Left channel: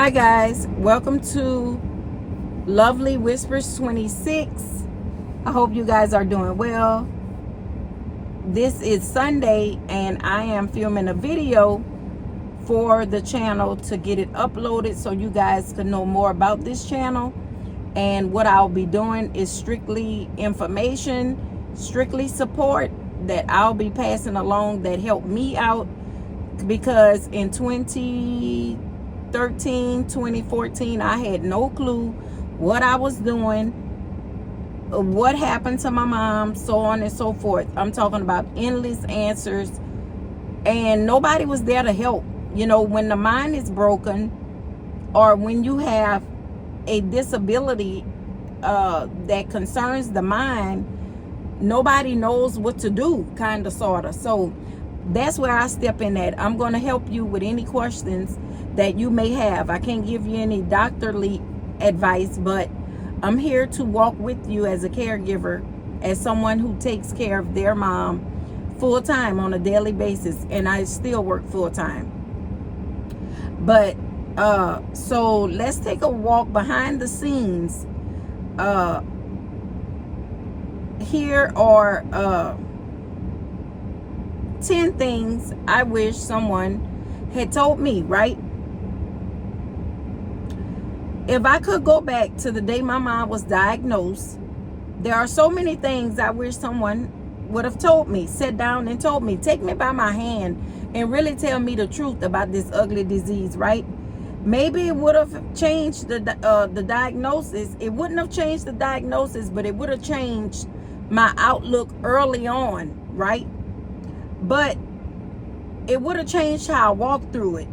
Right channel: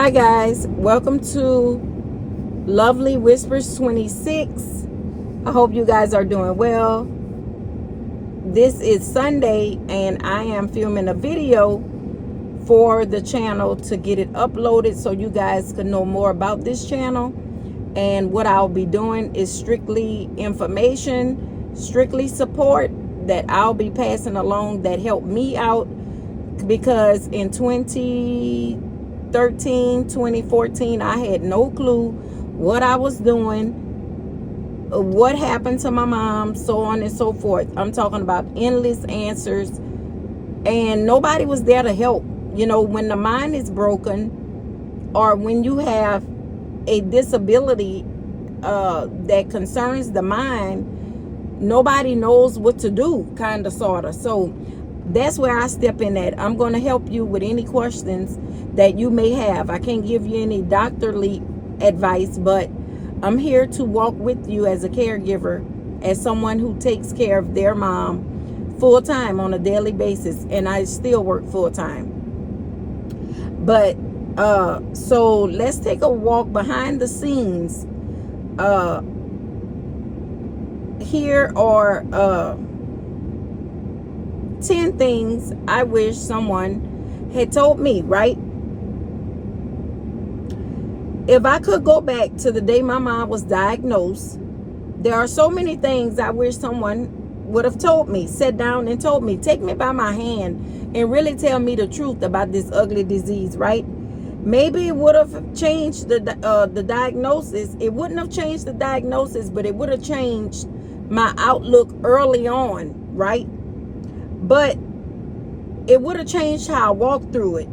Hi guys, welcome to Lovely Whispers 26. I hope you guys are doing well. This is Sunday and I am filming a video for the channel to get it uploaded so you guys can know more about this channel. And what I'll be doing is strictly information, strictly support that I'll be passing along that helped me out, because in 2014 I had no clue what I was doing, what happened to my mom, so on and so forth. I'm talking about endless answers, and nobody was there to help. You know, when the mind is broken, or when you have a disability that concerns the mind, nobody knows what to do, kind of, sort of. So that's where I step in at. I'm going to help you with any questions that you may have. I can't give you any doctorly advice, but I'm here to walk with you as a caregiver, as someone who takes care of their mom full time on a daily basis, and I still work full time. But so let's take a walk behind the scenes. Here are 10 things I wish someone had told me, right? If I could go back to the day my mom was diagnosed, there are so many things I wish someone would have told me, sat down and told me, take me by my hand and really tell me the truth about this ugly disease, right? Maybe it would have changed the diagnosis. It wouldn't have changed the diagnosis, but it would have changed my outlook early on, right? But it would have changed how I walk through it.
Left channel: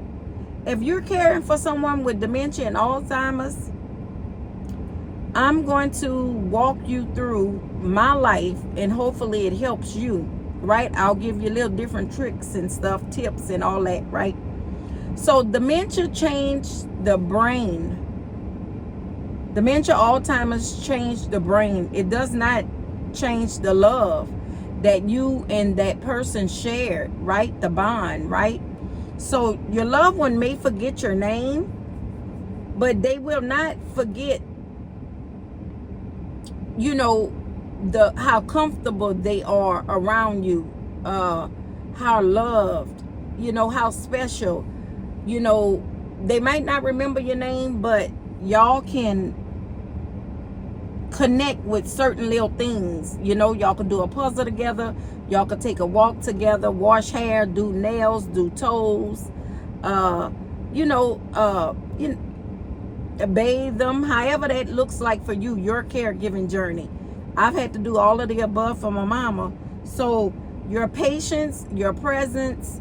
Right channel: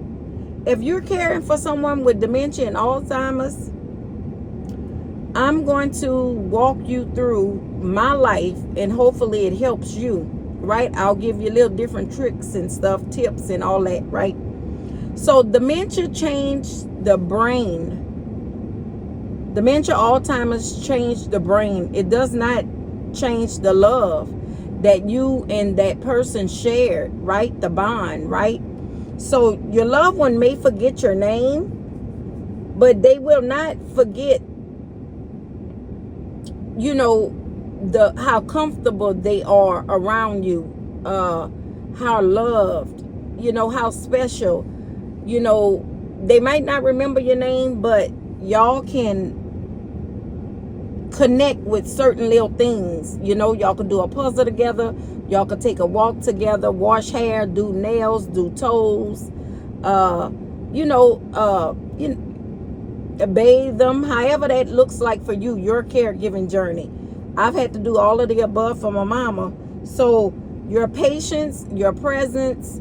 If you're caring for someone with dementia and Alzheimer's, I'm going to walk you through my life, and hopefully it helps you, right? I'll give you little different tricks and stuff, tips and all that, right? So dementia changed the brain. Dementia, Alzheimer's changed the brain. It does not change the love that you and that person shared, right? The bond, right? So your loved one may forget your name, but they will not forget, you know, how comfortable they are around you, how loved, you know, how special. You know, they might not remember your name, but y'all can connect with certain little things. You know, y'all could do a puzzle together, y'all could take a walk together, wash hair, do nails, do toes, bathe them, however that looks like for you, your caregiving journey. I've had to do all of the above for my mama. So your patience, your presence,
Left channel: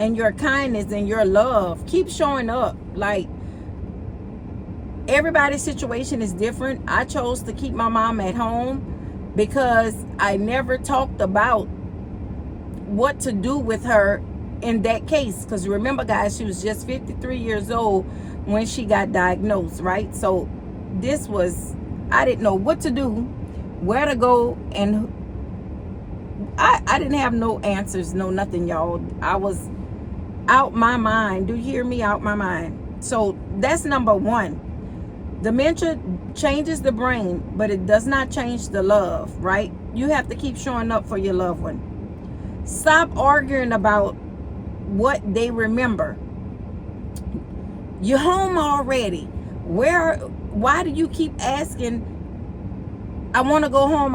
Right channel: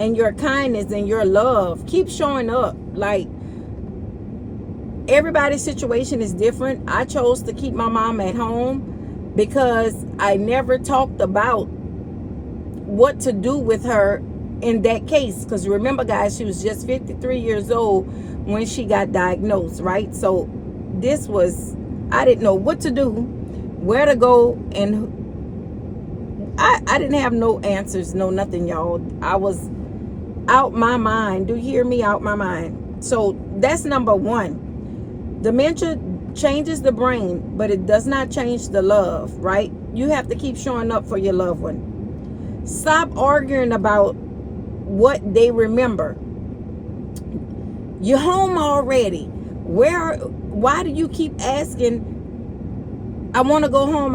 and your kindness and your love keep showing up. Like, everybody's situation is different. I chose to keep my mom at home because I never talked about what to do with her in that case. Because remember, guys, she was just 53 years old when she got diagnosed, right? So this was, I didn't know what to do, where to go, and I didn't have no answers, no nothing, y'all. I was out my mind. Do you hear me? Out my mind. So that's number one. Dementia changes the brain, but it does not change the love, right? You have to keep showing up for your loved one. Stop arguing about what they remember. You're home already. Why do you keep asking, I want to go home,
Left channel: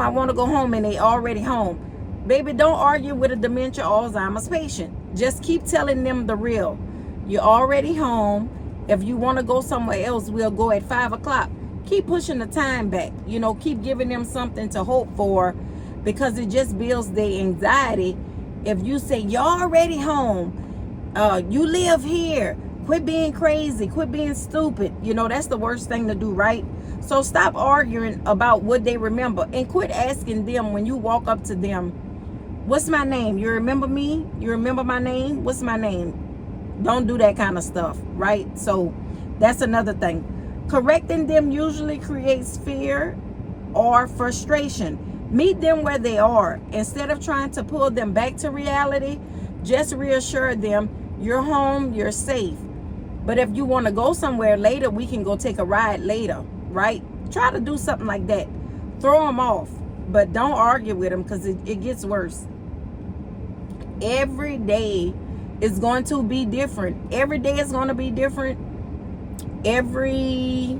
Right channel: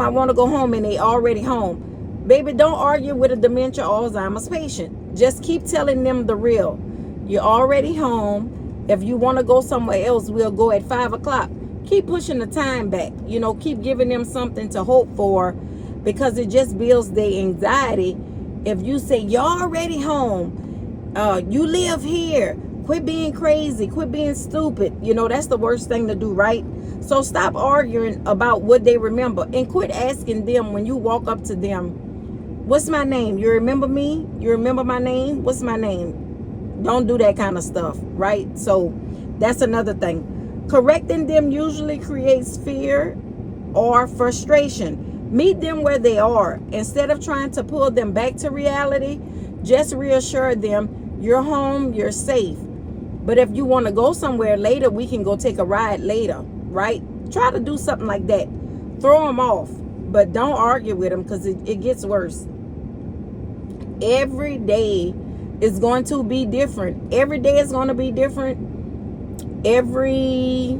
and they already home? Baby, don't argue with a dementia Alzheimer's patient. Just keep telling them the real. You're already home. If you want to go somewhere else, we'll go at 5 o'clock. Keep pushing the time back. You know, keep giving them something to hope for, because it just builds their anxiety. If you say, you're already home, you live here, quit being crazy, quit being stupid. You know, that's the worst thing to do, right? So stop arguing about what they remember, and quit asking them when you walk up to them, what's my name? You remember me? You remember my name? What's my name? Don't do that kind of stuff, right? So that's another thing. Correcting them usually creates fear or frustration. Meet them where they are. Instead of trying to pull them back to reality, just reassure them you're home, you're safe. But if you want to go somewhere later, we can go take a ride later, right? Try to do something like that. Throw them off, but don't argue with them, because it gets worse. Every day is going to be different. Every day is going to be different. Every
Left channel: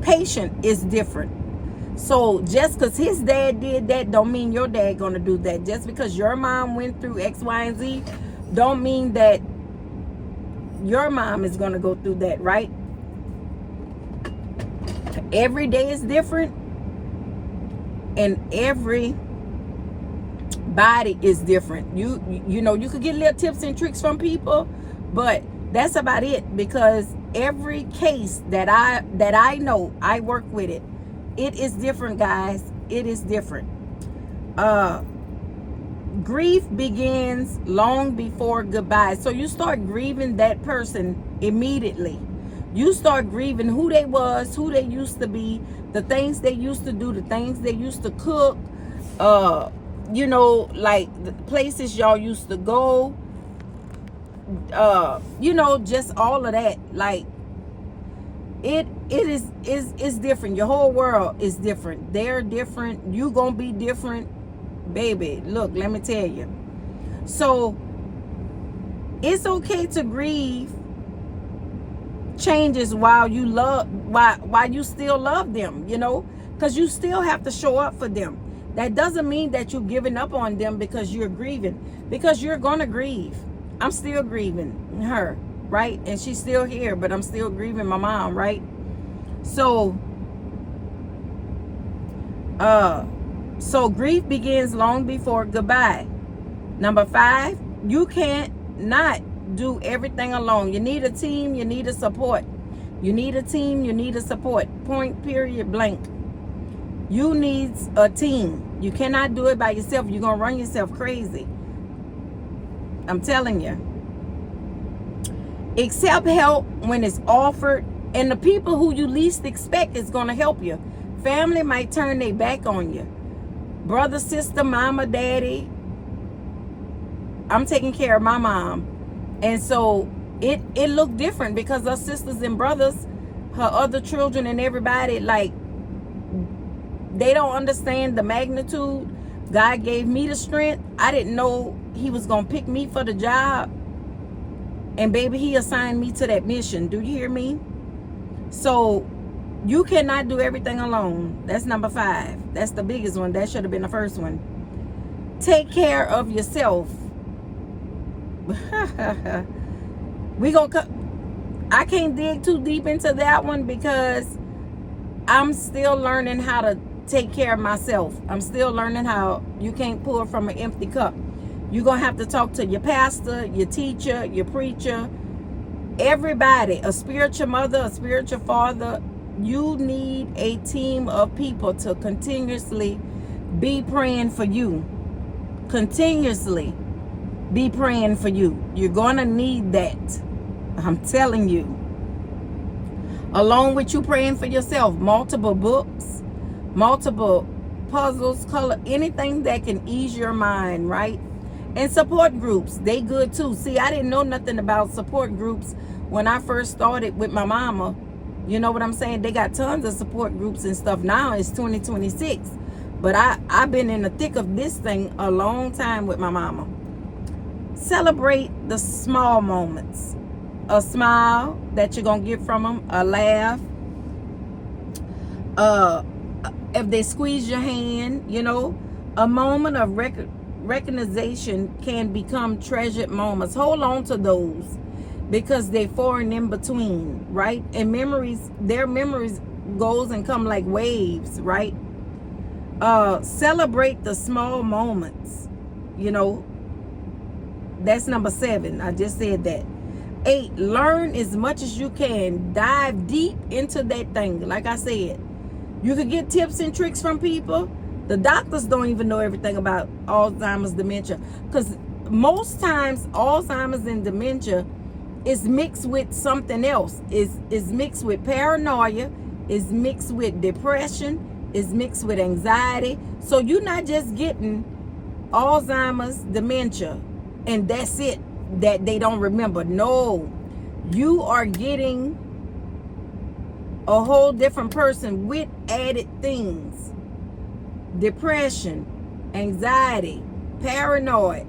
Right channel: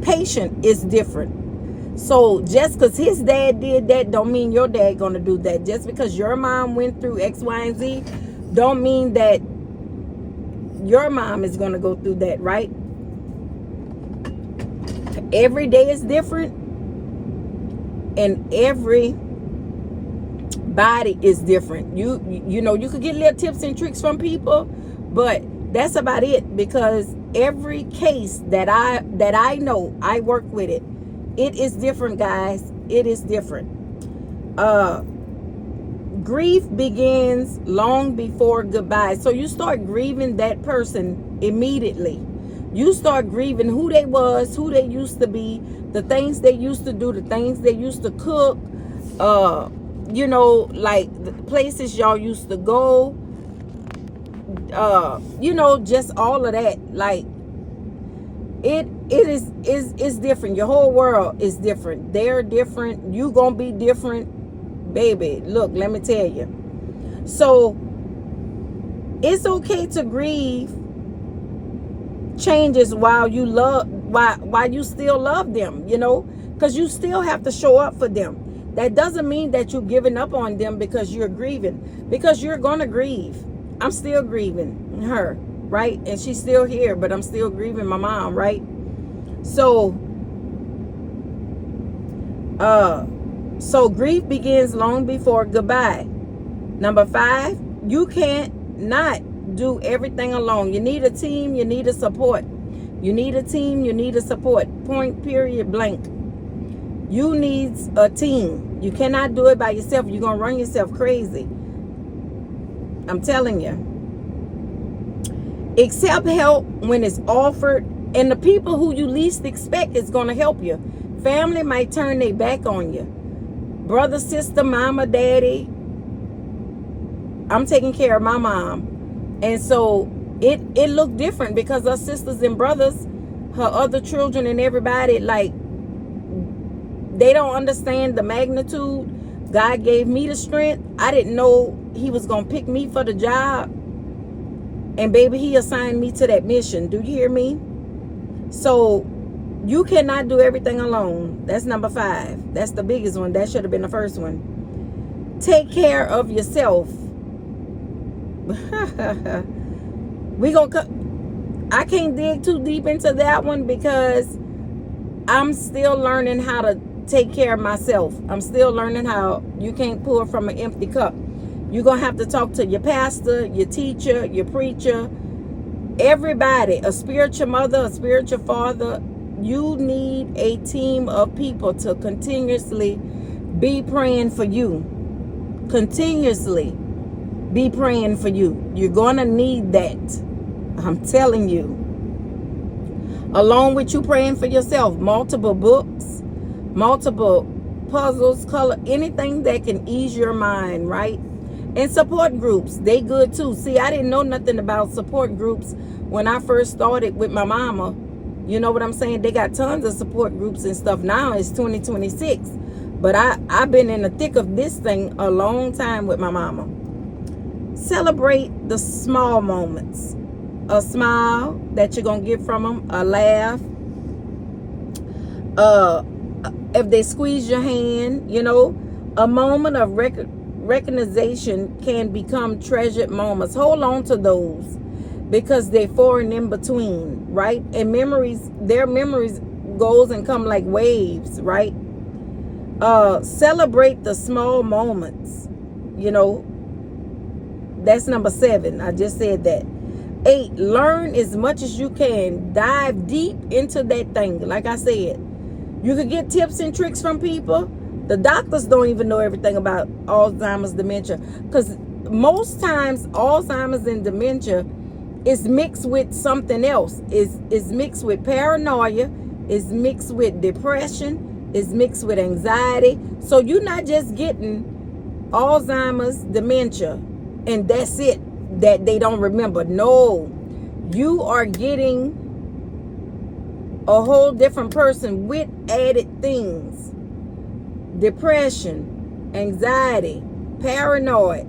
patient is different. So just because his dad did that don't mean your dad gonna do that. Just because your mom went through X, Y, and Z don't mean that your mom is gonna go through that, right? Every day is different, and every body is different. You know, you could get little tips and tricks from people, but that's about it, because every case that I know, I work with it. It is different, guys. It is different. Grief begins long before goodbye. So you start grieving that person immediately. You start grieving who they was, who they used to be, the things they used to do, the things they used to cook, you know, like the places y'all used to go, you know, just all of that. Like it is different. Your whole world is different. They're different. You gonna be different, baby. Look, let me tell you. So it's okay to grieve changes while you still love them, you know, because you still have to show up for them. That doesn't mean that you're giving up on them because you're grieving, because you're gonna grieve. I'm still grieving her, right? And she's still here, but I'm still grieving my mom, right? So so grief begins long before goodbye. Number 5, you can't not do everything alone. You need a team, you need a support. You need a team, you need a support. Point, period, blank. You need a team. You cannot do it by yourself. You're going to run yourself crazy. I'm telling you. Accept help when it's offered, and the people who you least expect is going to help you. Family might turn their back on you. Brother, sister, mama, daddy. I'm taking care of my mom. And so it looked different because her sisters and brothers, her other children and everybody, like, they don't understand the magnitude. God gave me the strength. I didn't know he was going to pick me for the job. And baby, he assigned me to that mission. Do you hear me? So you cannot do everything alone. That's number 5. That's the biggest one. That should have been the first one. Take care of yourself. I can't dig too deep into that one because I'm still learning how to take care of myself. I'm still learning how you can't pour from an empty cup. You're going to have to talk to your pastor, your teacher, your preacher, everybody, a spiritual mother, a spiritual father. You need a team of people to continuously be praying for you. Continuously be praying for you. You're going to need that. I'm telling you. Along with you praying for yourself, multiple books, multiple puzzles, color, anything that can ease your mind, right? And support groups, they good too. See, I didn't know nothing about support groups when I first started with my mama. You know what I'm saying? They got tons of support groups and stuff. Now it's 2026. But I've been in the thick of this thing a long time with my mama. Celebrate the small moments. A smile that you're going to get from them. A laugh. If they squeeze your hand, you know. A moment of recognition can become treasured moments. Hold on to those because they're far and in between, right? And memories, their memories goes and come like waves, right? Celebrate the small moments, you know. That's number 7. I just said that. 8, learn as much as you can. Dive deep into that thing. Like I said, you can get tips and tricks from people. The doctors don't even know everything about Alzheimer's, dementia. Because most times, Alzheimer's and dementia is mixed with something else. Is mixed with paranoia. Is mixed with depression. Is mixed with anxiety. So you're not just getting Alzheimer's, dementia, and that's it. that they don't remember. No, you are getting a whole different person with added things: depression, anxiety, paranoid,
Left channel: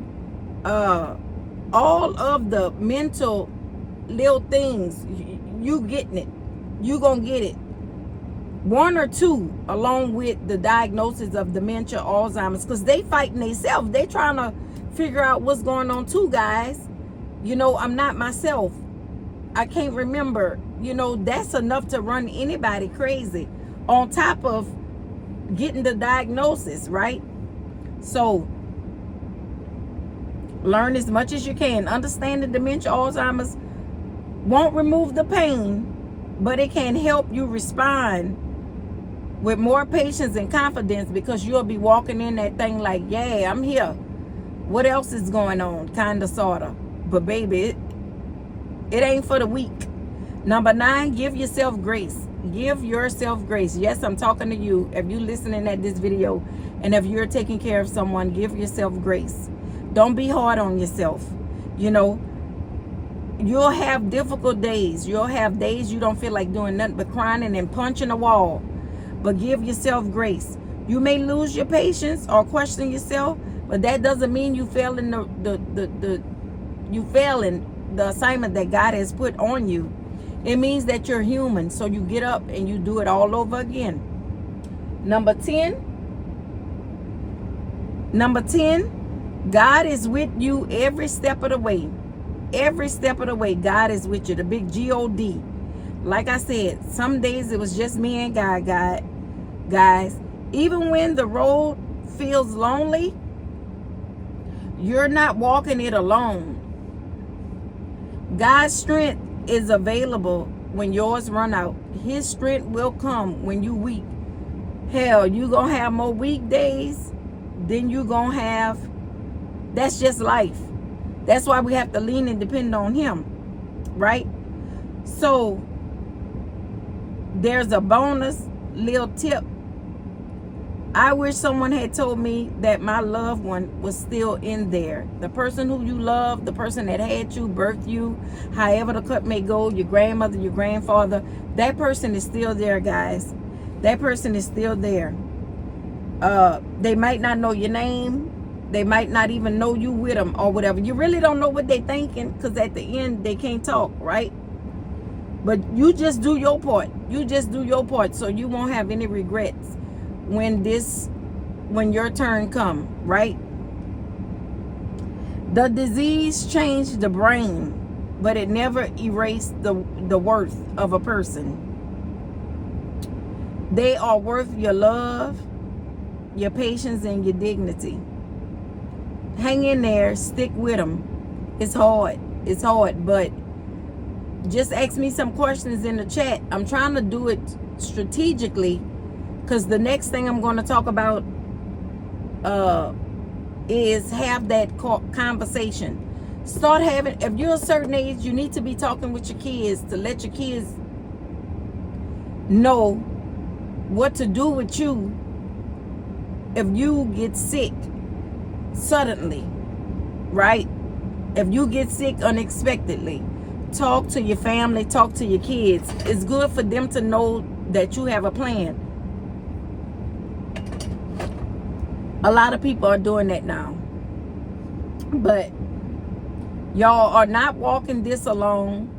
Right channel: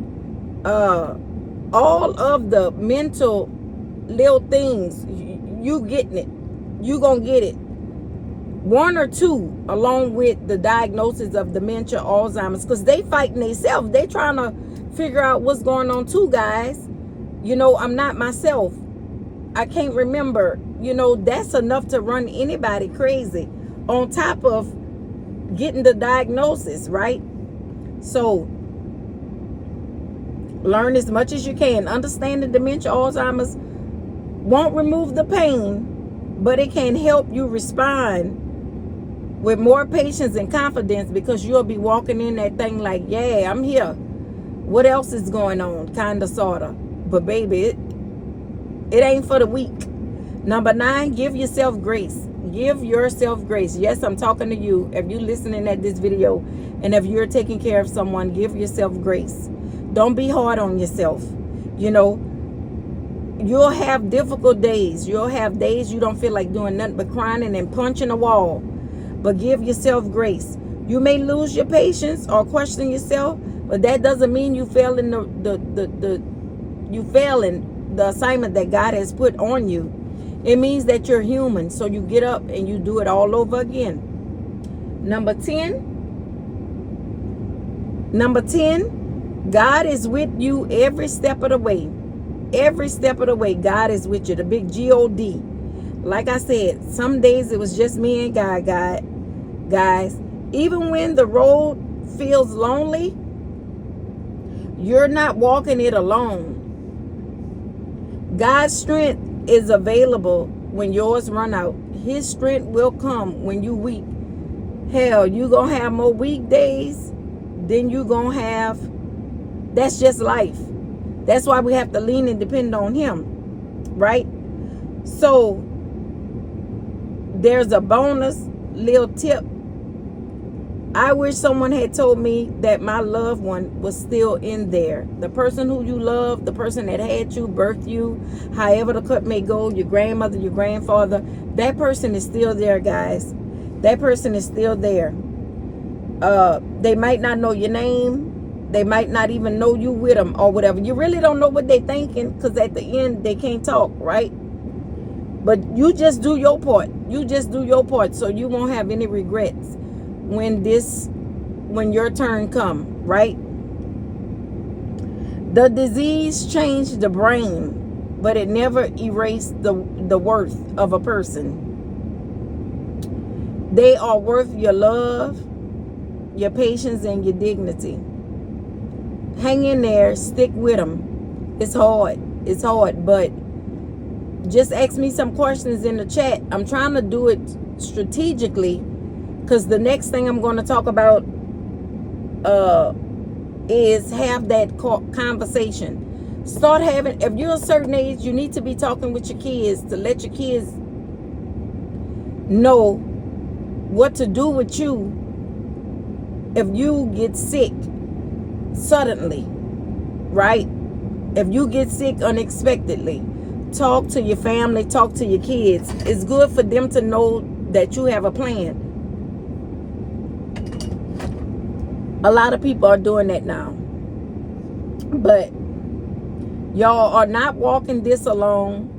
all of the mental little things. You getting it. You gonna get it. One or two, along with the diagnosis of dementia, Alzheimer's, because they fighting themselves. They trying to figure out what's going on too, guys. You know, I'm not myself. I can't remember. You know, that's enough to run anybody crazy, on top of getting the diagnosis, right? So learn as much as you can. Understanding dementia, Alzheimer's won't remove the pain, but it can help you respond with more patience and confidence, because you'll be walking in that thing like, yeah, I'm here. What else is going on? Kind of, sort of. But baby, it ain't for the weak. Number 9, give yourself grace. Give yourself grace. Yes, I'm talking to you. If you're listening at this video, and if you're taking care of someone, give yourself grace. Don't be hard on yourself. You know, you'll have difficult days. You'll have days you don't feel like doing nothing but crying and punching a wall. But give yourself grace. You may lose your patience or question yourself, but that doesn't mean you failing the assignment that God has put on you. It means that you're human, so you get up and you do it all over again. Number 10, God is with you every step of the way. Every step of the way, God is with you. The big G-O-D. Like I said, some days it was just me and God, guys. Even when the road feels lonely, you're not walking it alone. God's strength is available when yours run out. His strength will come when you weak. Hell, you gonna have more weak days than you gonna have. That's just life. That's why we have to lean and depend on him, right? So there's a bonus little tip. I wish someone had told me that my loved one was still in there. The person who you love, the person that had you, birthed you, however the cut may go, your grandmother, your grandfather, that person is still there, guys. That person is still there. They might not know your name. They might not even know you with them or whatever. You really don't know what they're thinking, because at the end, they can't talk, right? But you just do your part. You just do your part, so you won't have any regrets when your turn come, right? The disease changed the brain, but it never erased the worth of a person. They are worth your love, your patience, and your dignity. Hang in there, stick with them. It's hard, but just ask me some questions in the chat. I'm trying to do it strategically, because the next thing I'm going to talk about is have that conversation. Start having, if you're a certain age, you need to be talking with your kids to let your kids know what to do with you if you get sick suddenly, right? If you get sick unexpectedly, talk to your family, talk to your kids. It's good for them to know that you have a plan. A lot of people are doing that now. But y'all are not walking this alone.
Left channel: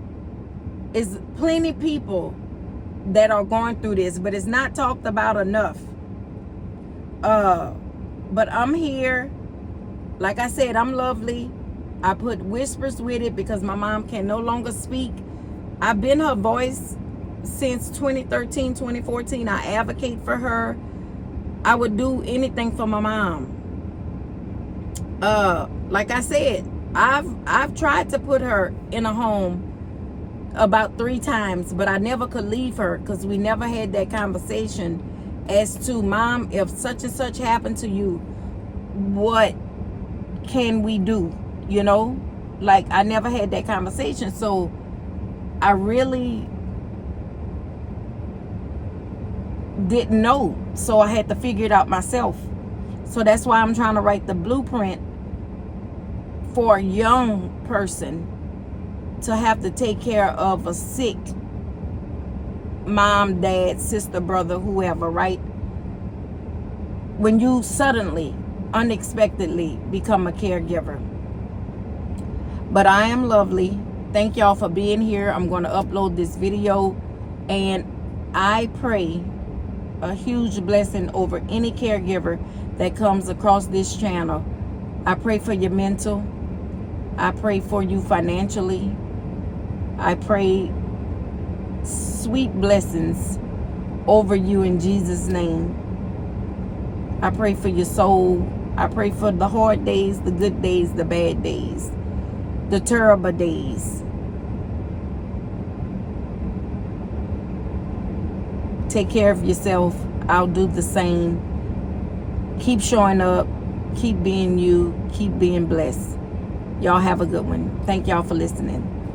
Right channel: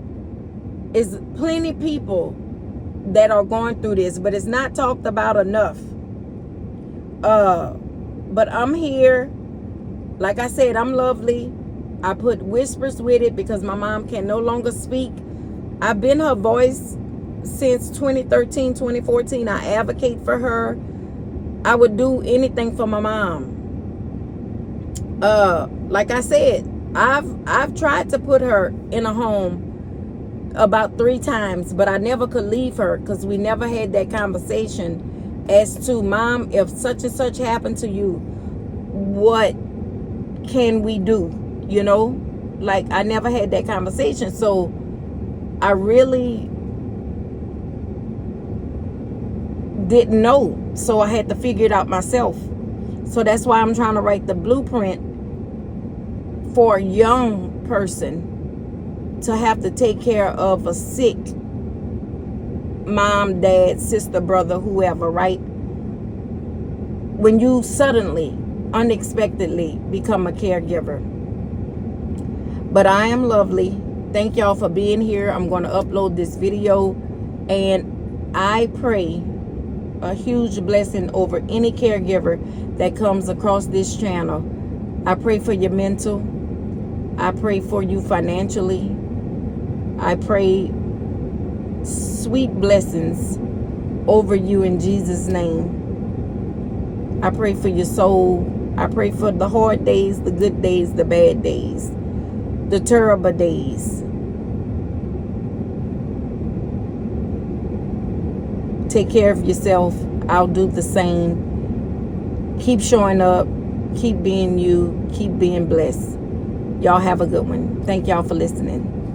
There's plenty of people that are going through this, but it's not talked about enough. But I'm here. Like I said, I'm lovely. I put whispers with it because my mom can no longer speak. I've been her voice since 2013, 2014. I advocate for her. I would do anything for my mom. Like I said, I've tried to put her in a home about 3 times, but I never could leave her, because we never had that conversation as to, Mom, if such and such happened to you, what can we do? You know, like, I never had that conversation. So I really didn't know, so I had to figure it out myself. So that's why I'm trying to write the blueprint for a young person to have to take care of a sick mom, dad, sister, brother, whoever, right? When you suddenly, unexpectedly become a caregiver. But I am lovely. Thank y'all for being here. I'm going to upload this video, and I pray a huge blessing over any caregiver that comes across this channel. I pray for your mental. I pray for you financially. I pray sweet blessings over you in Jesus' name. I pray for your soul. I pray for the hard days, the good days, the bad days, the terrible days. Take care of yourself. I'll do the same. Keep showing up. Keep being you. Keep being blessed. Y'all have a good one. Thank y'all for listening.